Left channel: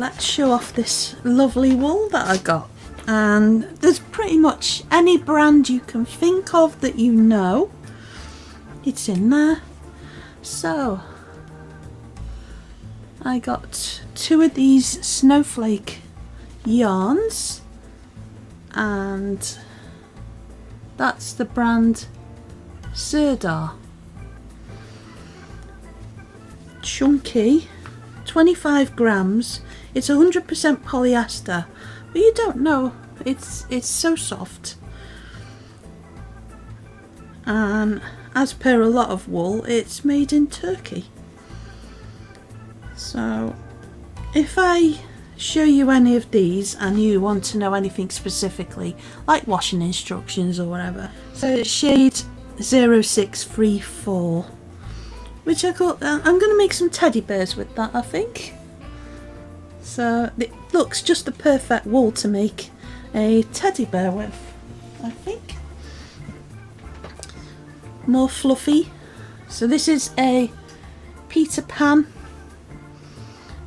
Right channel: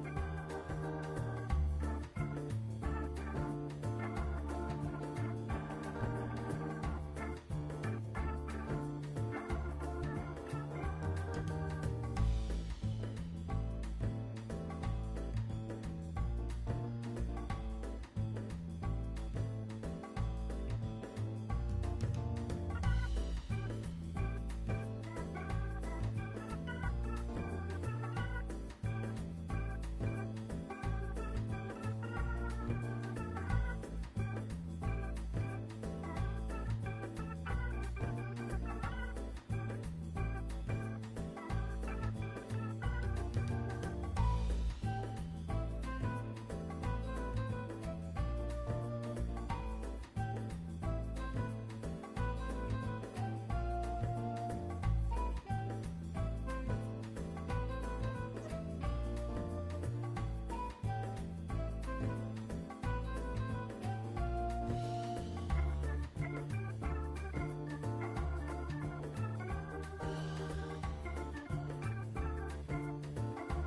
let's show off this lovely wool that I got. And there's pretty much any brand you can think of that you know, it's in there. So I got 2 of these snowflake yarns, and that's the brand Sirdar. Chunky, 25 grams. It's 100% polyester, but you don't know, it's so soft. And as per a lot of wool, it's made in Turkey. So if I show you any of these and you want to know anything specifically, like washing instructions or whatever, so it's shade 0634, which I got. I'm going to make some teddy bears with that, I think. So it looks just the perfect wool to make a teddy bear with, I think. More fluffy. So this is a Peter Pan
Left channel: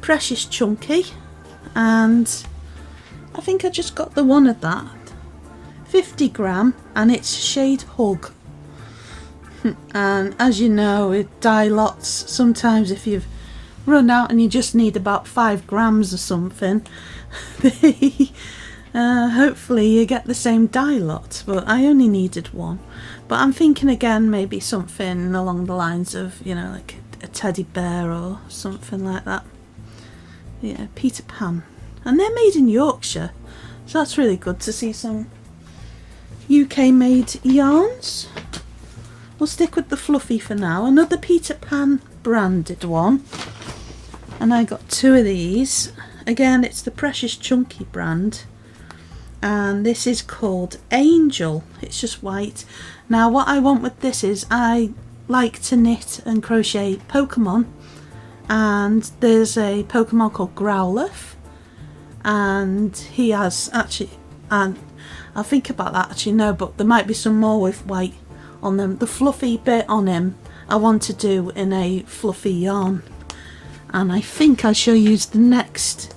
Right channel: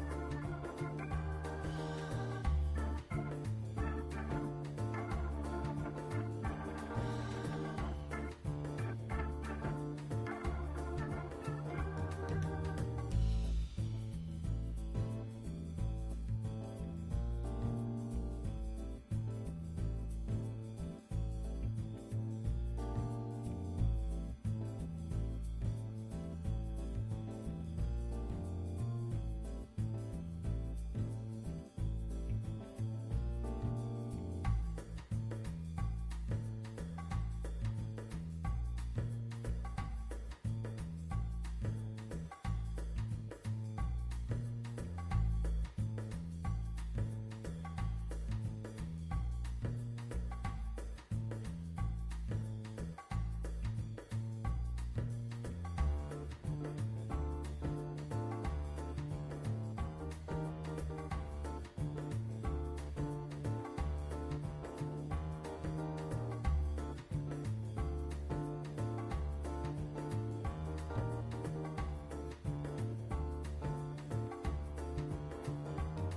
Precious Chunky, and I think I just got the one of that, 50 gram, and it's shade Hug. And as you know, with dye lots, sometimes if you've run out and you just need about 5 grams or something, hopefully you get the same dye lot, but I only needed 1. But I'm thinking again, maybe something along the lines of, you know, like a teddy bear or something like that. Yeah, Peter Pan. And they're made in Yorkshire, so that's really good to see some UK made yarns. We'll stick with the fluffy for now. Another Peter Pan branded one, and I got 2 of these. Again, it's the Precious Chunky brand, and this is called Angel. It's just white. Now what I want with this is, I like to knit and crochet Pokemon, and there's a Pokemon called Growlithe, and he has actually, and I'll think about that actually, no, but there might be some more with white on them. The fluffy bit on him I want to do in a fluffy yarn, and I think I shall use the next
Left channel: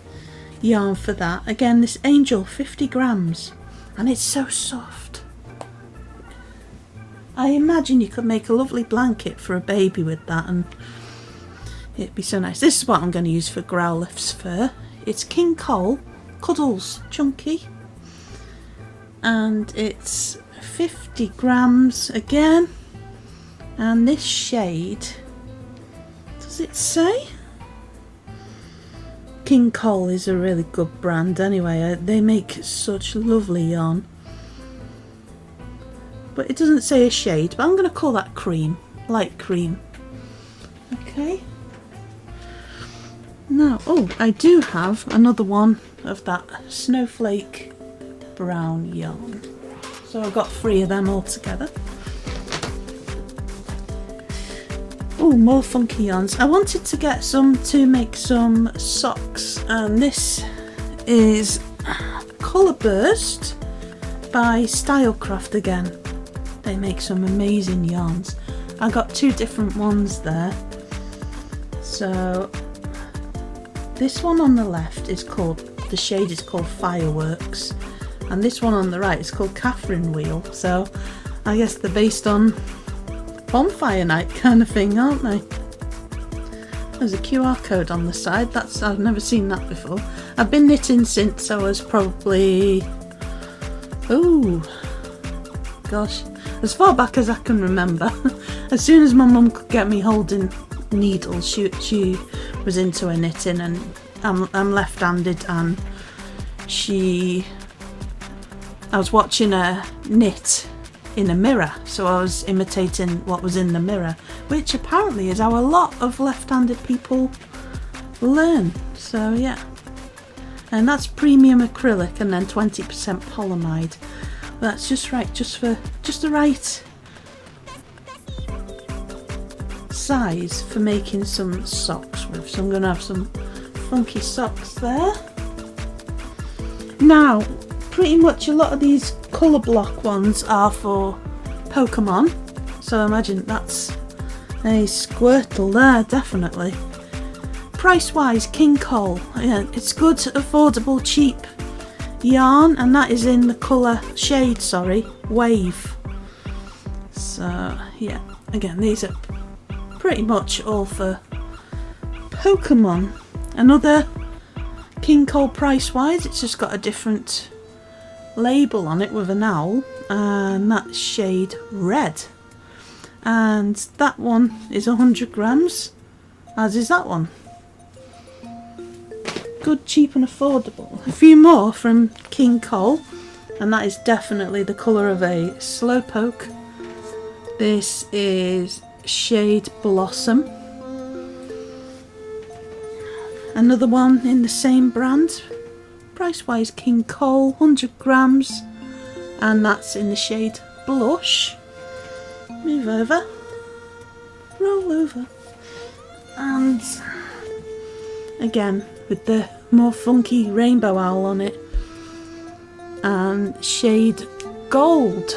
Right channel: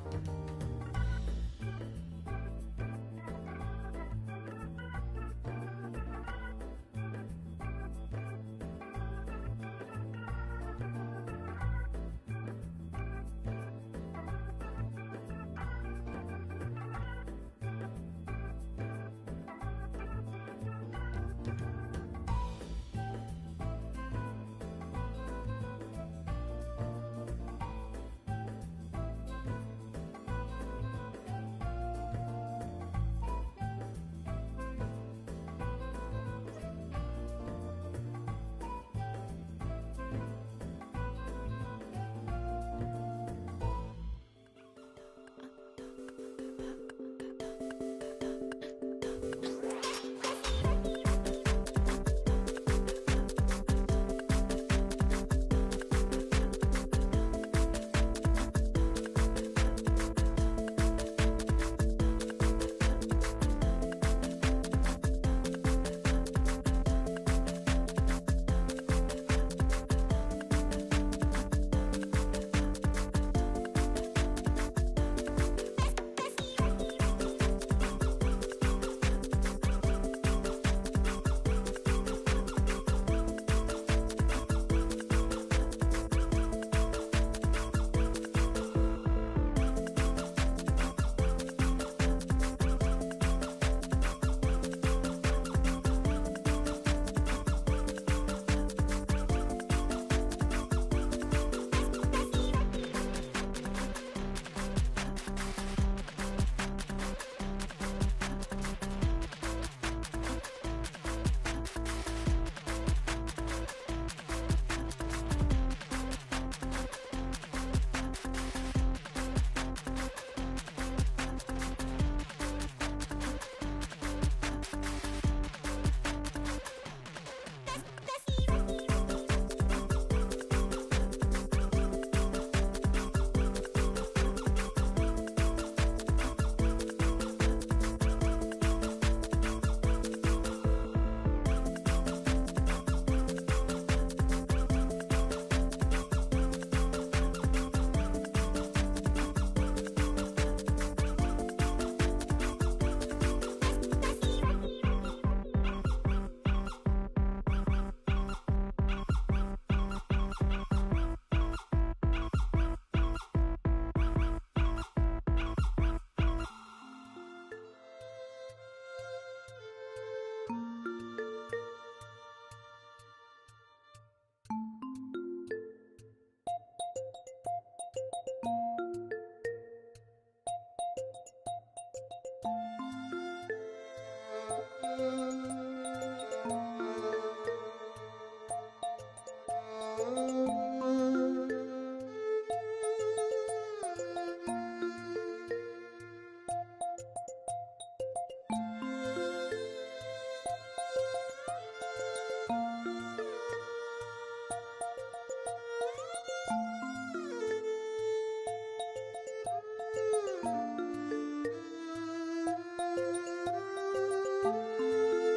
yarn for that. Again, this Angel, 50 grams, and it's so soft. I imagine you could make a lovely blanket for a baby with that, and it'd be so nice. This is what I'm going to use for Growlithe's fur. It's King Cole Cuddles Chunky, and it's 50 grams again, and this shade, does it say? King Cole is a really good brand anyway. They make such lovely yarn, but it doesn't say a shade, but I'm going to call that cream, light cream. Okay. Now, oh, I do have another one of that snowflake brown yarn, so I've got 3 of them all together. Oh, more funky yarns. I wanted to get some to make some socks, and this is Colour Burst by Stylecraft again. They make some amazing yarns. I got 2 different ones there. So this one on the left is called, the shade is called Fireworks, and this one on the right is called Catherine Wheel. So I guess they're based on bonfire night kind of thing, aren't they? There's a QR code on the side. I've never seen that before. I've been knitting since I was probably, oh gosh, as far back as I can remember. As soon as my mum could get me holding needles, she was into her knitting, and I'm left-handed, and I was watching her knit in a mirror, so I was imitating what was in the mirror, which apparently is how a lot of left-handed people learn. So yeah, and that's premium acrylic and then 20% polyamide. That's just right, just the right size for making some socks with. So I'm going to have some funky socks there. Now, pretty much a lot of these colour block ones are for Pokemon, so I imagine that's a Squirtle there, definitely. price-wise, King Cole. Yeah, it's good, affordable, cheap yarn, and that is in the colour shade, Wave. So yeah, again, these are pretty much all for Pokemon. Another King Cole price-wise, it's just got a different label on it with an owl, and that's shade Red. And that one is 100 grams, as is that one. Good, cheap and affordable. A few more from King Cole, and that is definitely the colour of a Slowpoke. This is shade Blossom. Another one in the same brand, price-wise King Cole, 100 grams, and that's in the shade Blush. Move over, roll over, and again with the more funky rainbow owl on it, and shade Gold.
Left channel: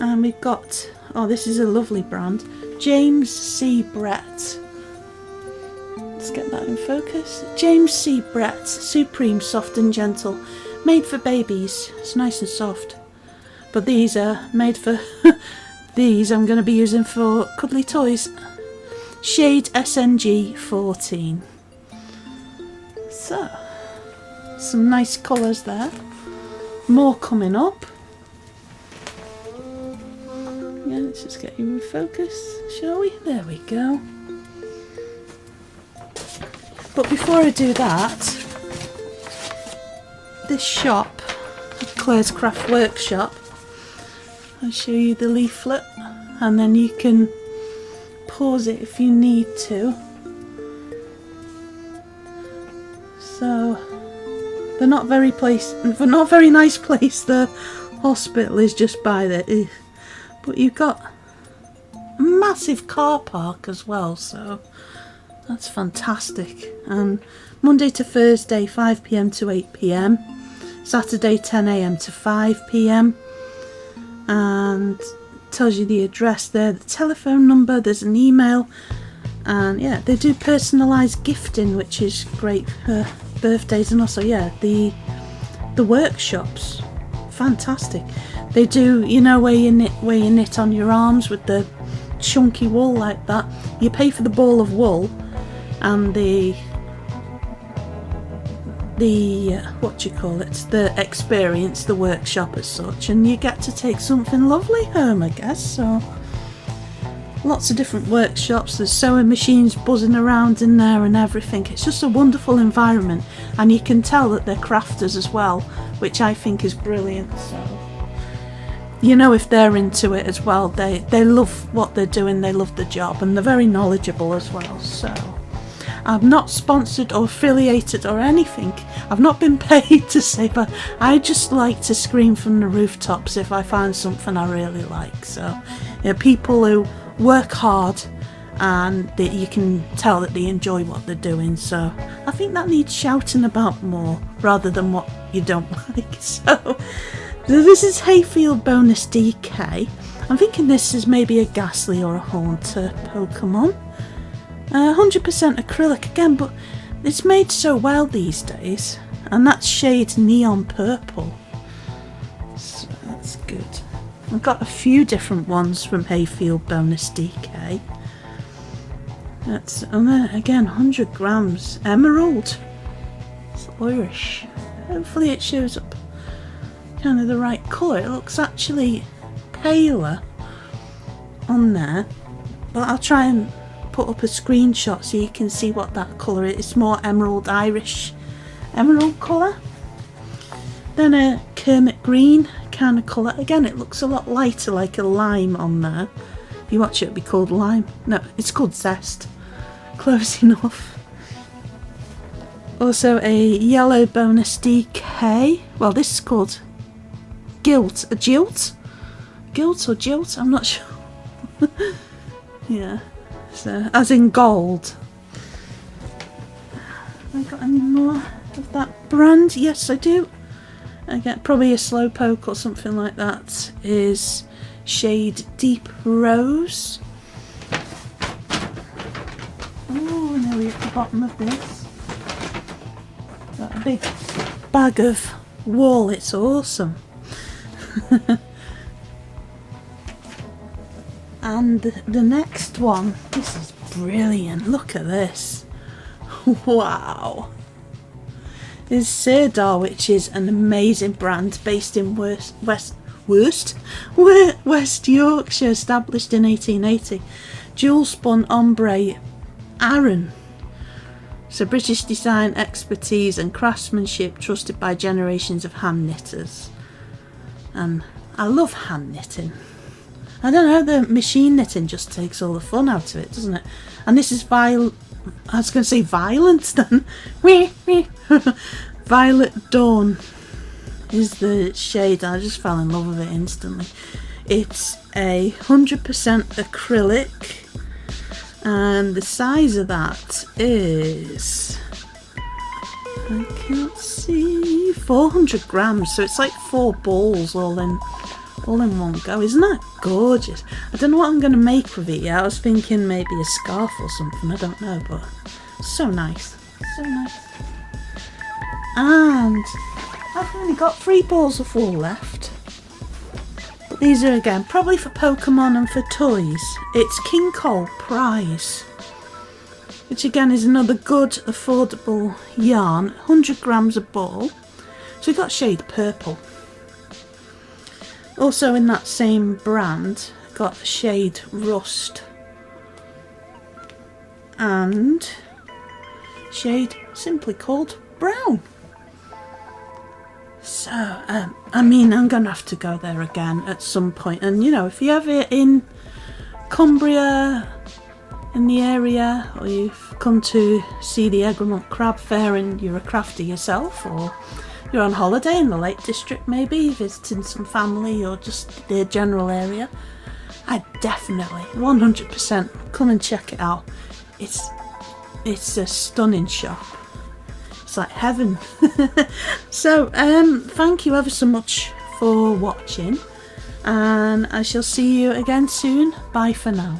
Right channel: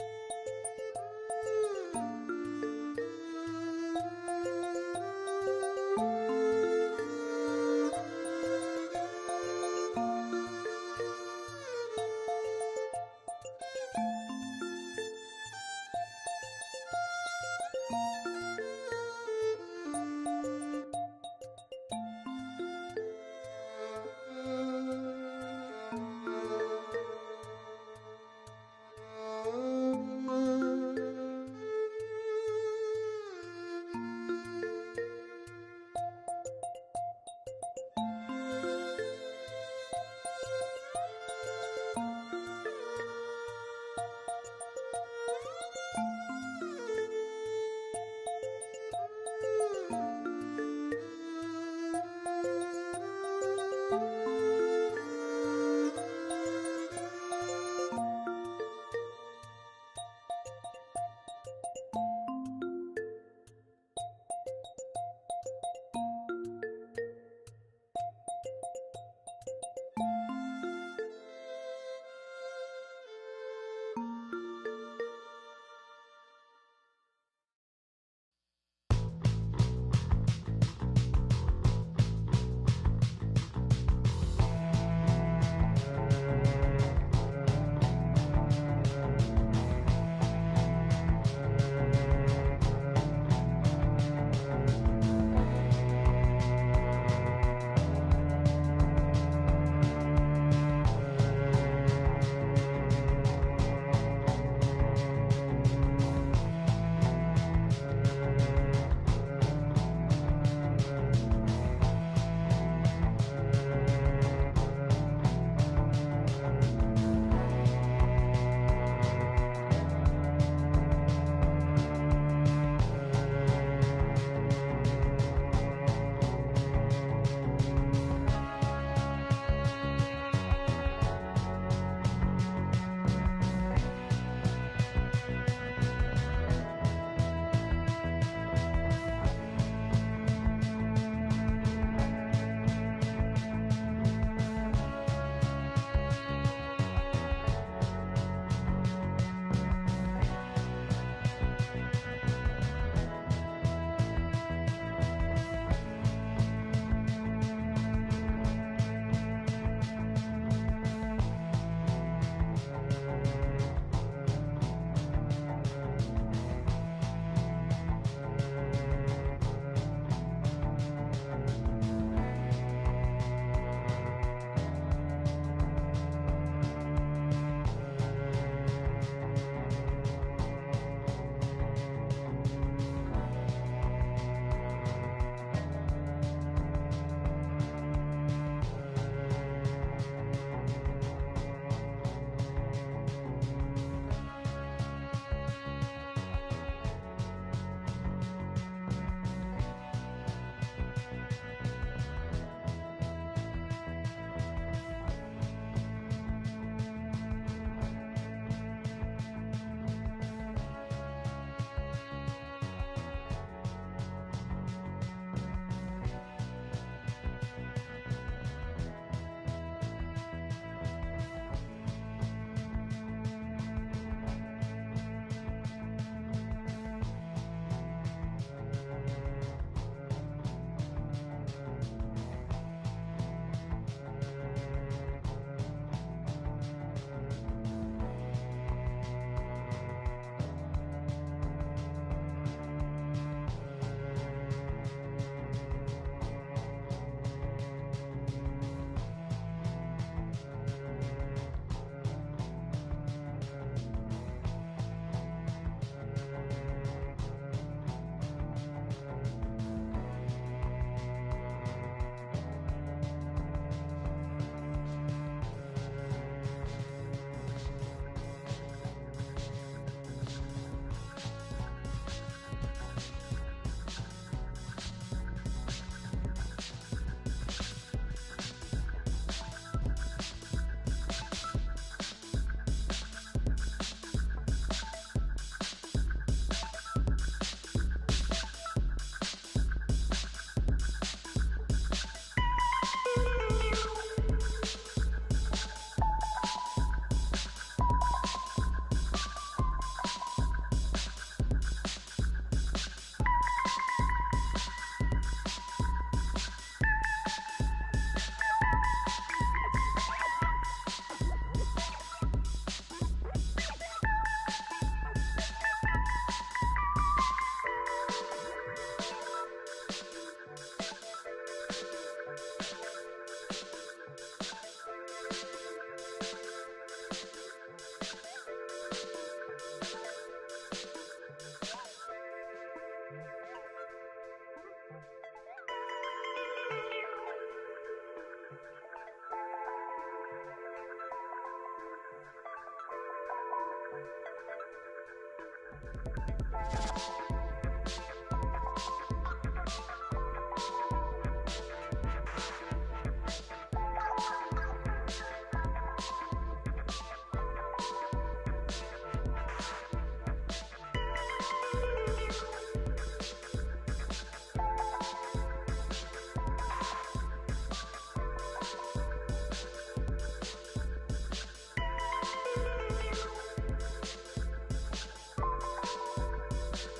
And we've got, oh, this is a lovely brand, James C. Brett. Let's get that in focus. James C. Brett, Supreme Soft and Gentle, made for babies. It's nice and soft. But these are made for, these I'm going to be using for cuddly toys. Shade SNG 14. So, some nice colours there. More coming up. Yeah, let's just get you in focus, shall we? There we go. But before I do that, this shop, Claire's Craft Workshop, I'll show you the leaflet, and then you can pause it if you need to. So, they're not very nice place. The hospital is just by there, but you've got a massive car park as well, so that's fantastic. And Monday to Thursday 5 PM to 8 PM, Saturday 10 AM to 5 PM, and tells you the address there, the telephone number, there's an email, and yeah, they do personalised gifting, which is great for birthdays, and also yeah, the workshops, fantastic. They do, you know, where you knit on your arms with the chunky wool like that. You pay for the ball of wool and the what do you call it, the experience, the workshop as such, and you get to take something lovely home, I guess. So lots of different workshops, there's sewing machines buzzing around in there and everything. It's just a wonderful environment, and you can tell that they're crafters as well, which I think is brilliant. You know, if they're into it as well, they love what they're doing, they love the job, and they're very knowledgeable as well. So I'm not sponsored or affiliated or anything. I've not been paid to say, but I just like to scream from the rooftops if I find something I really like. So, you know, people who work hard and that you can tell that they enjoy what they're doing. So I think that needs shouting about more rather than what you don't like. So this is Hayfield Bonus DK. I'm thinking this is maybe a Ghastly or a Haunter Pokemon. 100% acrylic again, but it's made so well these days, and that's shade Neon Purple, so that's good. I've got a few different ones from Hayfield Bonus DK. That's again 100 grams Emerald. It's Irish. Hopefully it shows up kind of the right colour. It looks actually paler on there, but I'll try and put up a screenshot so you can see what that colour is. It's more emerald, Irish emerald colour. Then a Kermit green kind of colour. Again, it looks a lot lighter, like a lime on there. You watch it, it'll be called lime. No, it's called Zest. Close enough. Also a yellow bonus DK. Well, this is called Gilt. A Jilt? Gilt or Jilt? I'm not sure. Yeah. So, as in gold. Have I got any more of that brand? Yes, I do. Again, probably a slowpoke or something like that, is shade Deep Rose. Oh, now we're at the bottom of this. Got a big bag of wool, it's awesome. And the next one, this is brilliant, look at this. Wow. This is Sirdar, which is an amazing brand based in West Yorkshire, established in 1880. Jewel spun ombre Aran. So British design, expertise and craftsmanship trusted by generations of hand knitters. And I love hand knitting. I don't know, the machine knitting just takes all the fun out of it, doesn't it? And this is I was going to say violent then. Violet Dawn is the shade. I just fell in love with it instantly. It's a 100% acrylic, and the size of that is, I can't see, 400 grams. So it's like 4 balls all in one go. Isn't that gorgeous? I don't know what I'm going to make with it yet. I was thinking maybe a scarf or something, I don't know, but so nice, so nice. And I've only got 3 balls of wool left. These are again probably for Pokemon and for toys. It's King Cole Prize, which again is another good affordable yarn, 100 grams a ball. So we've got shade purple. Also in that same brand, got shade Rust and shade simply called Brown. So, I mean, I'm going to have to go there again at some point. And, you know, if you're ever in Cumbria, in the area, or you've come to see the Egremont Crab Fair and you're a crafter yourself, or you're on holiday in the Lake District maybe, visiting some family or just the general area, I definitely, 100% come and check it out. It's a stunning shop. It's like heaven. So, thank you ever so much for watching, and I shall see you again soon. Bye for now.